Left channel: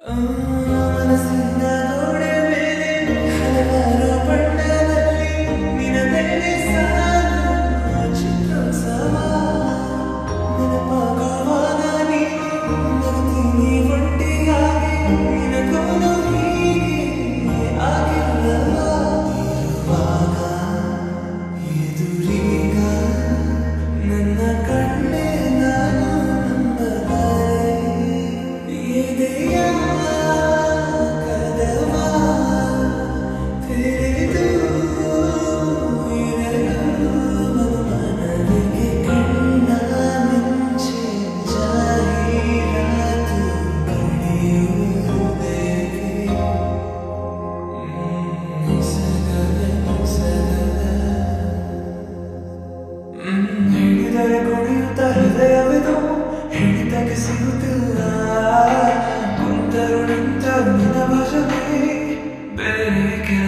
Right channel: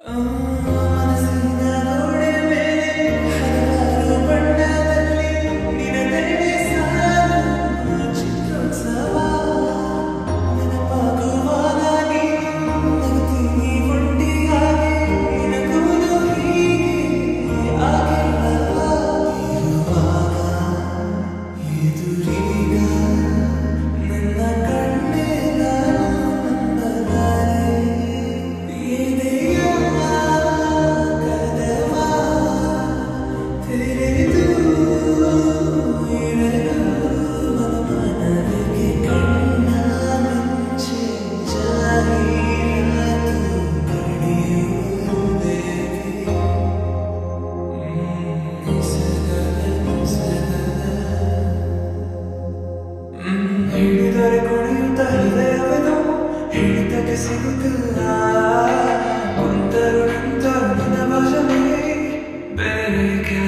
ಮನಸ್ಸಿನ ಗೋಡೆ ಮೇಲೆ ಹಲವಾರು ಬಣ್ಣದಲ್ಲಿ ನಿನದೆಡೆ ಸಾಲು ಚಿತ್ರೋತ್ಸವ ನೆನಪಾಗುವಾಗ ನೀನು ನಗ್ತೀನಿ ಒಟ್ಟಿಗಾಗಿ ನಿನಗೂನು ಹೀಗೆ ಆಗಿಲ್ಲವ ಇರುವಾಗ ಎದುರೀಗ ನನ್ನ ಕಣ್ಣೆ ನಾನು ನಂಬಲಾರೆ ಎದೆಯ ಕದವ ತೆರೆದು ಇರಲು ಮನಮನವಿಗೆ ಕಣ್ಣ ಮಿಂಚೆ ಜಾಹೀರಾತು ಪಡೆಯುವುದಕ್ಕೆ ನಿಸಗದ ಹಿಡಿದರೆ ಕುಣಿಯುತ್ತ ಹೃದಯವೆದು ಹಿಡಿತಕ್ಕೆ ಸಿಗುತ್ತಿಲ್ಲ ಕುಂತರು ನಿಂತರು ನಿನ್ನ ಭಾಷೆ ಬೇಕೆ